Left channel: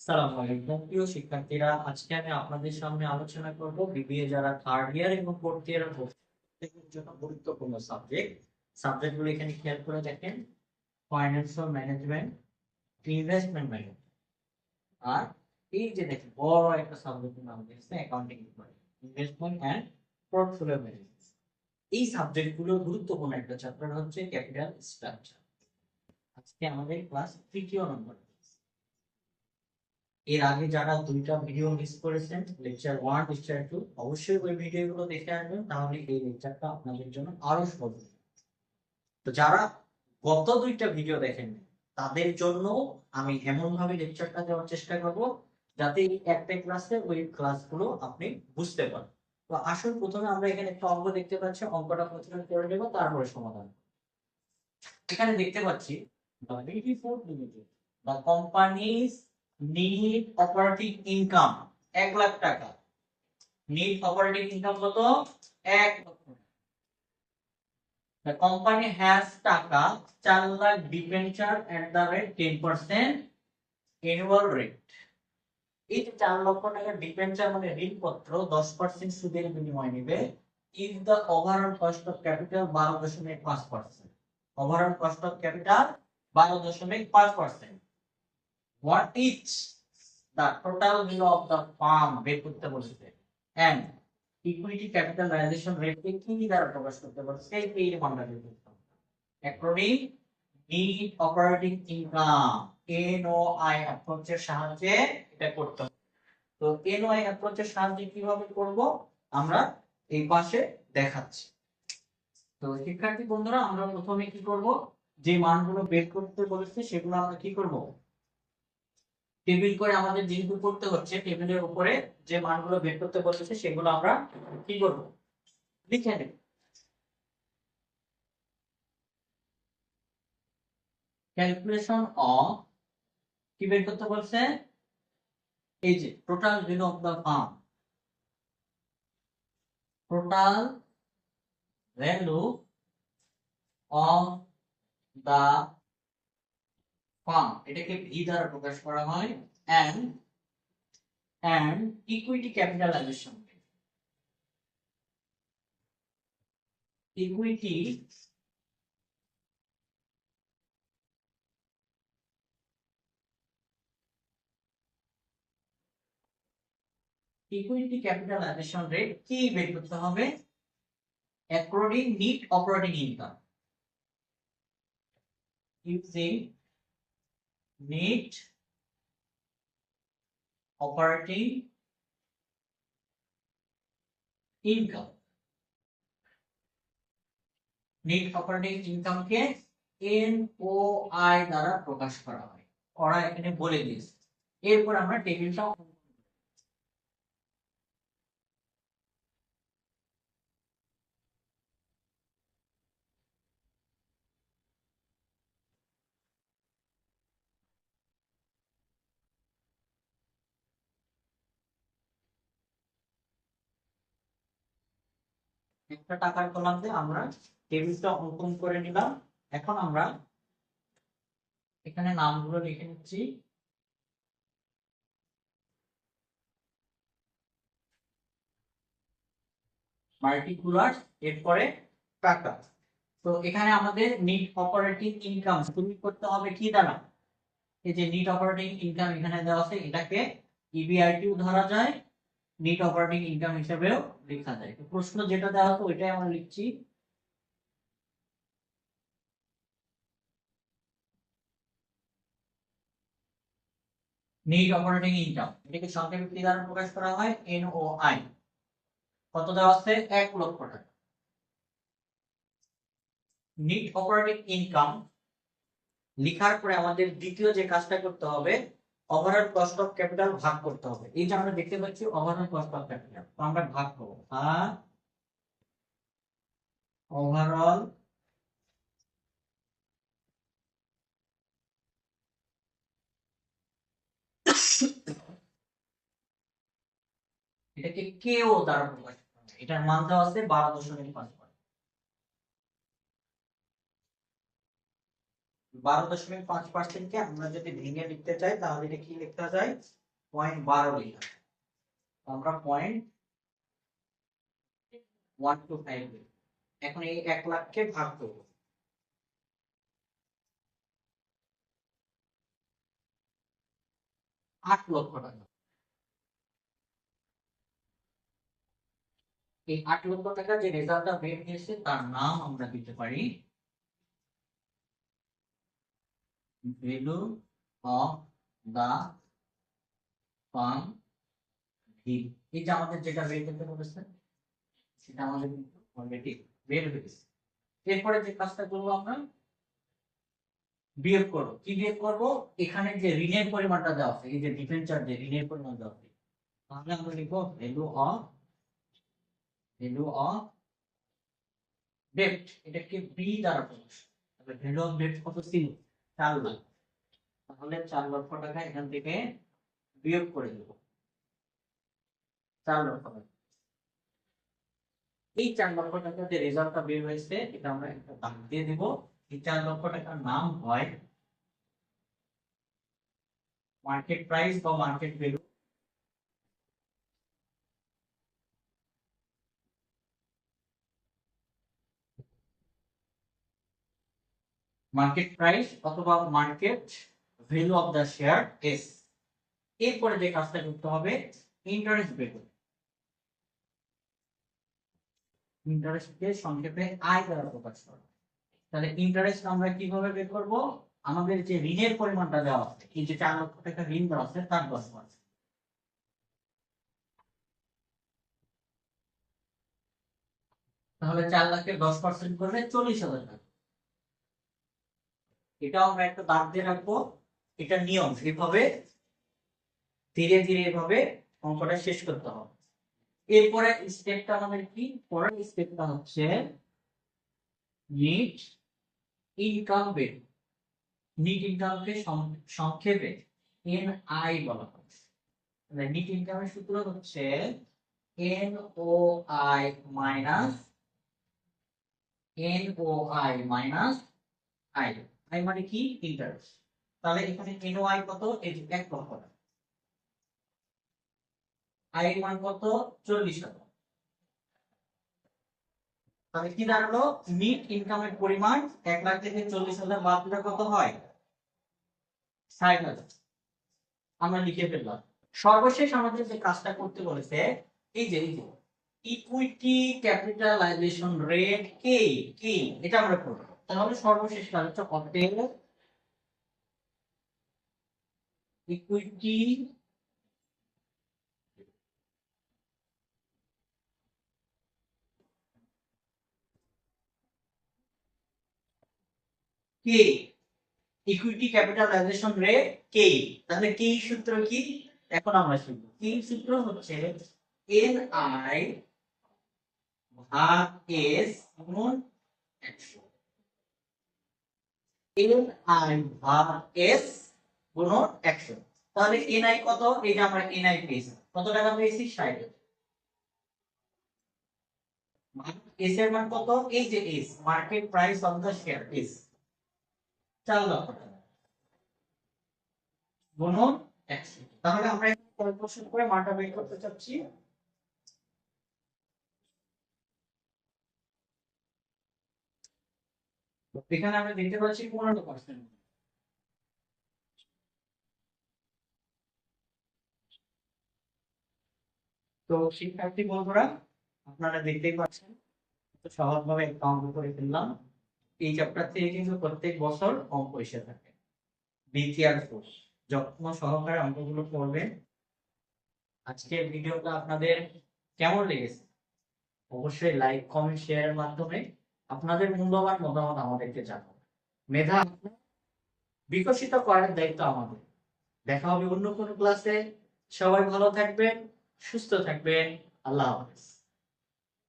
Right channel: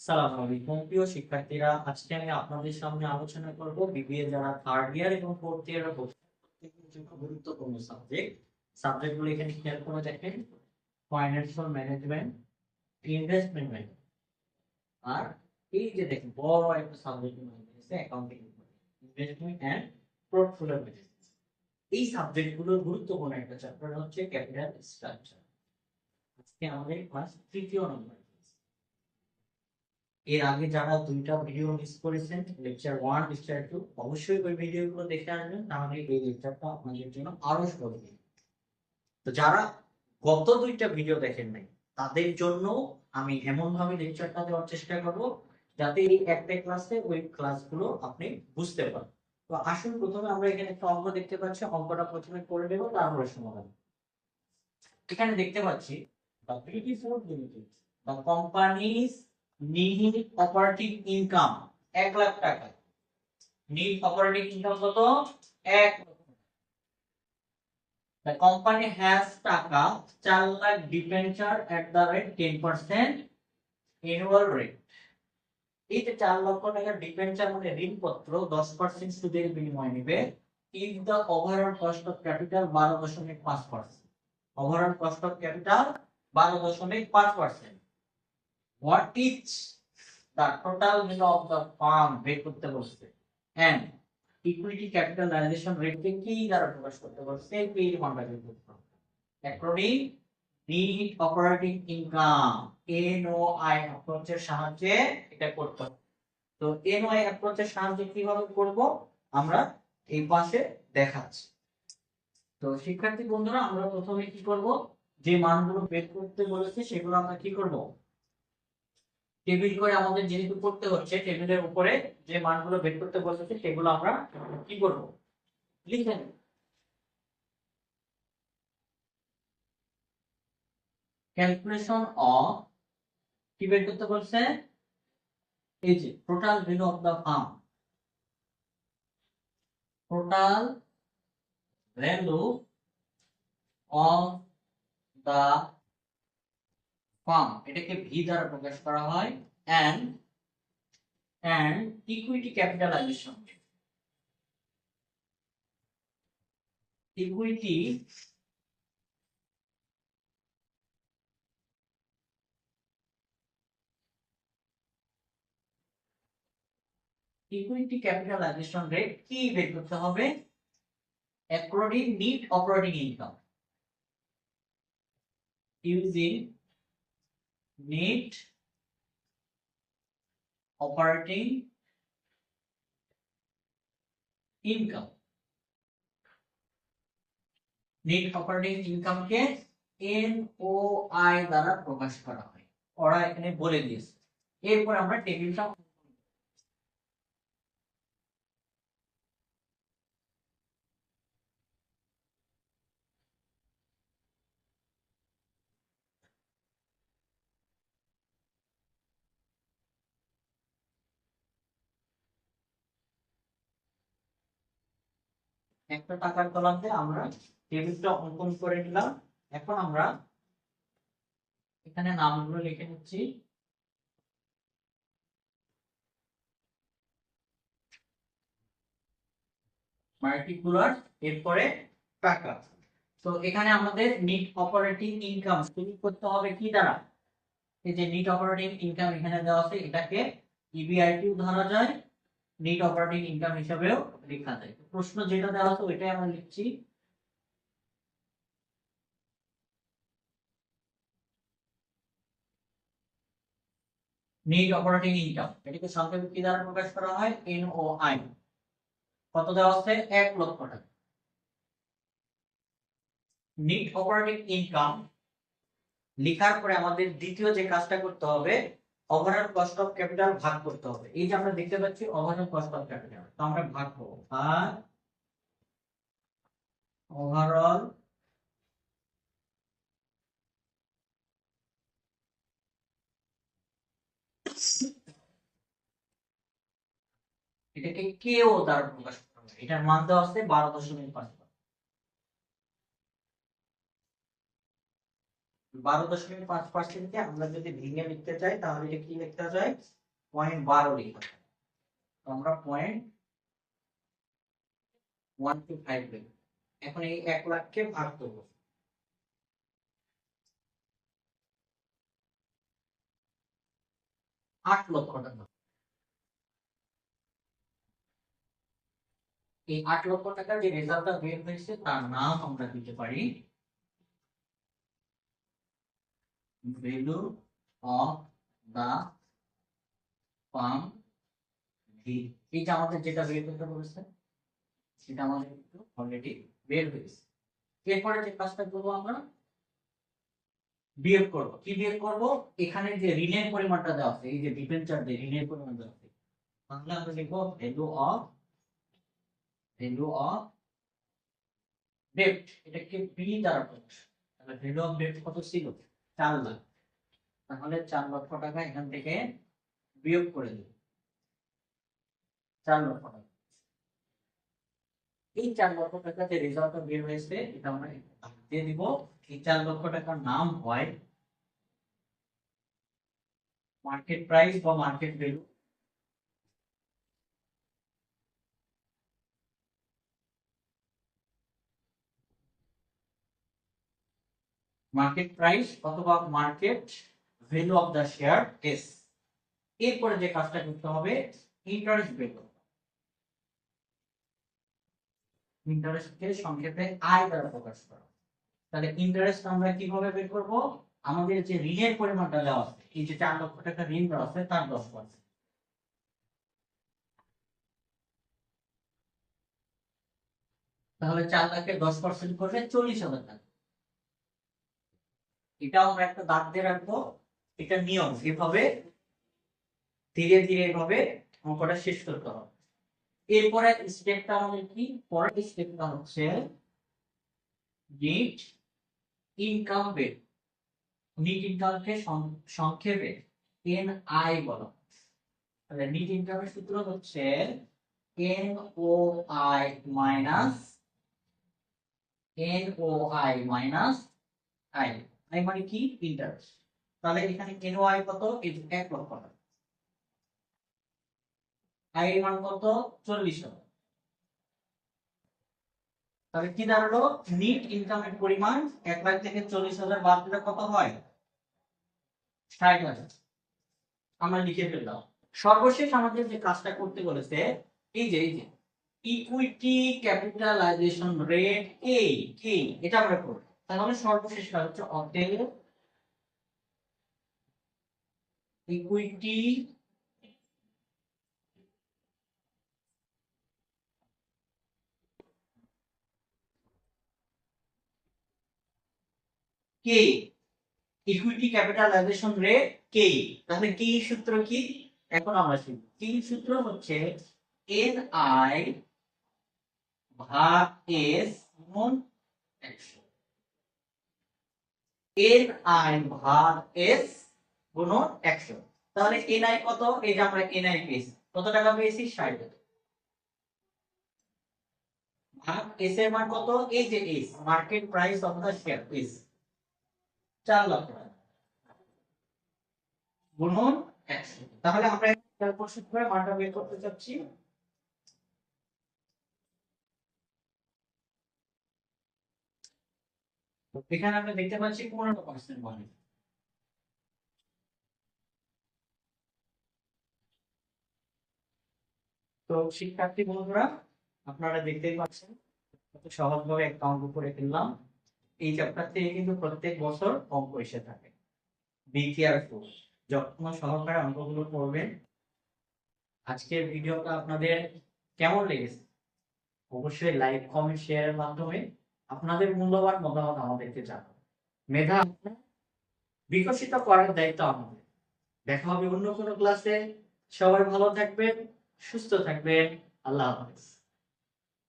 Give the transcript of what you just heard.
সালাম আলাইকুম প্রিয় শিক্ষার্থীরা, আজকে আমি আপনাদের সামনে আলোচনা করব বিবিএ যারা থার্ড ইয়ার এবং ফোর্থ ইয়ারে ভর্তি প্রত্যেকের জন্য গুরুত্বপূর্ণ সাবজেক্টগুলো এখানে খেয়াল করে দেখেন। ফাইন্যান্সিয়াল ম্যানেজমেন্ট, ইনভেস্টমেন্ট ম্যানেজমেন্ট, আর এই যে দেখেন বড় একটা সাবজেক্টের নাম দিয়েছে accounting department, investment and portfolio management. এই সাবজেক্টগুলো গুরুত্বপূর্ণ একটা চ্যাপ্টার হচ্ছে ক্যাপিটাল স্ট্রাকচার। আজকে আমাদের ক্লাস তৃতীয় নম্বর। এর আগে যারা দুইটা ভিডিও মিস করেছেন, লেকচার 1 লেকচার 2, অবশ্যই ওই ভিডিওগুলো দেখে আসবেন, তাহলে এই লেকচারটা আপনাদের জন্য আরো সহজ হবে। তো যারা গত দুইটা ভিডিও দেখেন নাই, তাদের জন্য আমি এমন ভাবে লেকচারটা দেওয়ার চেষ্টা করব যাতে এই একটা ক্লাসে ওই ক্লাসগুলো আপনি বুঝতে পারেন। তো আসুন প্রথমে আমরা এখানে একটা অঙ্ক দেখতে পাচ্ছি, অঙ্কটা প্রথমে করে নেব, তারপরে সমাধান। এখানে দেখতে পাচ্ছি the BT Food Limited, the company's need operating income 1 lakh টাকা। need operating income কত? 1 লক্ষ। The company has টাকা 4 lakh debenture at the rate 10% annual rate। এই যে 4 লক্ষ টাকা ডিবেঞ্চার মানে ঋণপত্র 10% সুদের বিনিময়ে নেবে। if the overall cost of capital 12.5%, overall cost of capital 12.5%, what is the total value of the firm বের করতে বলছে, and equity capitalization rate কে কি দ্বারা প্রকাশ করতে বলছে, এই মানটা বের করতে হবে। according need operating income NOI অ্যাপ্রোচের সাহায্যে এটা করতে হবে। তো NOI অ্যাপ্রোচের সাহায্যে কিভাবে করব আমরা এই পাশে দেখাচ্ছি। তো শিক্ষার্থী বন্ধুরা, আমরা প্রথমে কি করব, যে মানগুলো বের করতে বলেছে সেগুলো আমরা কি করব, টেবিল করে, আমাদের যেহেতু করতে হচ্ছে টেবিলের উপরে যে মানগুলো বের করতে বলেছে সেগুলো আমরা কি করব, লিখে নেব। ক্যালকুলেশন অফ, কি বের করতে বলছে, এই যে total value of the firm, total value of the firm, এটাকে ভি দ্বারা প্রকাশ করা হয়, and equity capitalisation, equity equity capitalisation rate কি বের করতে হবে, according net operating income, using net operating income. Net operating ইনকামকে এনওআই দ্বারা প্রকাশ করা হয়, ওরা এখানে বলে দিয়েছে। এরপর আমরা টেবিলটা একটা টাকার কলামে আমরা টেবিলটা অঙ্কন করে নিলাম। এখন আমরা এখানে নামগুলো লিখে নিচ্ছি। পার্টিকুলার, এরপরে টাকা। তো এখানে আমাদের নিট অপারেটিং ইনকাম শুরু করতে হবে কি দ্বারা, এই যে নিট অপারেটিং ইনকাম এখানে দেওয়া আছে, এটাকে ইবিআইটিও ধরা যায়, নিট অপারেটিং ইনকাম হিসেবেও লেখা যায়। তো প্রশ্ন যেটা দেওয়া আছে ওইটাই আমরা লিখছি। নিট অপারেটিং ইনকাম, এটাকে সংক্ষেপে কি দ্বারা প্রকাশ করা হয়, এনওআই। কত দেওয়া আছে, 1 লক্ষ টাকা। নিট অপারেটিং ইনকাম লেখার পরে আমাদের দ্বিতীয় যে কাজটা করতে হবে, ওভারঅল কস্ট অফ ক্যাপিটাল ভাগ করতে হবে। এই যে আমরা দেখতে পাচ্ছি ওভারঅল কস্ট অফ ক্যাপিটাল, তো আমরা ভাগ করব, আর ওভারঅল এটাকে কেও দ্বারা প্রকাশ করা হয়, এটার মান দেওয়া আছে 12.5। 12.5% কে আমরা যদি ভেঙে লিখতে চাই তাহলে এটা কি লিখতে যায় 0.12 লিখতে হয়। আমরা 0.125 লিখব। এখন এই 1 লাখকে ভাগ করব, 8 লক্ষ টাকা। এই 8 লক্ষ টাকা যে রেজাল্টটা বের হয়েছে তার নাম আমরা দিতে পারি value of the firm V. এই যে আমাদের যেটা বের করতে বলেছে সেটা আমাদের কিন্তু অলরেডি বের হয়েছে। এরপরে যে কাজটা করবো আমরা বিয়োগ করব। কি বিয়োগ করব? এখানে যে ঋণের পরিমাণটা দেওয়া আছে, এই যে ডিবেঞ্চার যে ঋণের পরিমাণ দেওয়া আছে, তাহলে আমরা লিখবো ভ্যালু অফ ডেট। এটাকে বি দ্বারা প্রকাশ। তাহলে ভ্যালু অফ ডেট কত ছিল? 4 লাখ। তাহলে 4 লক্ষ টাকা এখান থেকে বিয়োগ করে দেব। 4 লক্ষ টাকা। এই 4 লক্ষ টাকা যে রেজাল্টটা বের হয়েছে এটা আমরা একটা দাগ দিয়ে দিব। এই 4 লক্ষ টাকার নাম হয় মার্কেট প্রাইস বা মার্কেট ভ্যালু। মার্কেট প্রাইস অথবা market value of the share S. এরপরে যে কাজটা করতে হবে ইন্টারেস্ট বের করতে। ইন্টারেস্টকে সংক্ষেপে আই দ্বারা প্রকাশ করা। তাহলে ইন্টারেস্ট আমরা কিভাবে বের করব? আমাদের যে ঋণের পরিমাণটা দেওয়া আছে, এই যে 4 লক্ষ টাকা ঋণ দেওয়া আছে তার 10%। তাহলে 4 লাখের 10% করলে 40,000 টাকা। এটাও আমরা একটা দাগ দিয়ে রাখবো। এটা নিয়ম, এভাবে ধীরে ধীরে এভাবে অঙ্কটা শেষ করতে হবে। এরপরে স্টেপটা আমাদের কি? পরের স্টেপটা হচ্ছে নিট ইনকাম বের। নিট ইনকামকে সংক্ষেপে এনআই বলা হয়। তাহলে নিট ইনকামের সূত্র হচ্ছে এনওআই মাইনাস আই। আই মানে কি? ইন্টারেস্ট। তাহলে এখানে এনওআই কত? এই যে 1 লক্ষ টাকা। আই এর মান কত? 40,000। তাহলে কি দাঁড়ালো? নিট ইনকামের পরিমাণ 1 লাখ থেকে 40,000 বাদ দিলে কত হয়? 60,000। আমরা লিখে ফেললাম। সর্বশেষ আমাদের যে কাজটা করতে বলেছে এই যে ইকুইটি ক্যাপিটালাইজেশন রেট কে কি এটা আমরা করব। তাহলে সর্বশেষ কাজ হচ্ছে অতএব ইকুইটি কে ইকুইটি ক্যাপিটালাইজেশন রেট কে। তাহলে কি সূত্র কি এখন আমরা শিখব। কি সূত্র হচ্ছে এন আই ভাগ এস গুণ 100। এন আই ভাগ এস গুণ 100। তাহলে এন আই কত? এই যে আমরা এন আই পেয়েছি, কত টাকা পেয়েছি? 60। ভাগ এস এর মান কত? এই যে S market price of the share S 4 লক্ষ টাকা গুণন 100। তাহলে আমরা ক্যালকুলেশন করে মানটা বের করতে চাচ্ছি। এখানে আমরা দেখতে পাচ্ছি 15% মানে। তো শিক্ষার্থী বন্ধুরা আপনারা দেখতেই পাচ্ছেন কত সহজভাবে একটা অঙ্ক করে ফেললাম। এই চ্যাপ্টার থেকে কিন্তু প্রত্যেক বছর অঙ্ক এসে থাকে। বি কেয়ারফুল, যত্ন সহকারে অঙ্কগুলো করবেন। আজকের ভিডিওটা আপনাদের কেমন লেগেছে অবশ্যই লাইক কমেন্ট শেয়ারের মাধ্যমে আপনাদের মূল্যবান মতামত আমাদেরকে জানাবেন। মেধা বিকশিত করার দায়িত্ব আমাদের। দেখা হবে অন্য কোনো ক্লাসে। সবাই ভালো থাকবেন, সুস্থ থাকবেন। আল্লাহ হাফেজ।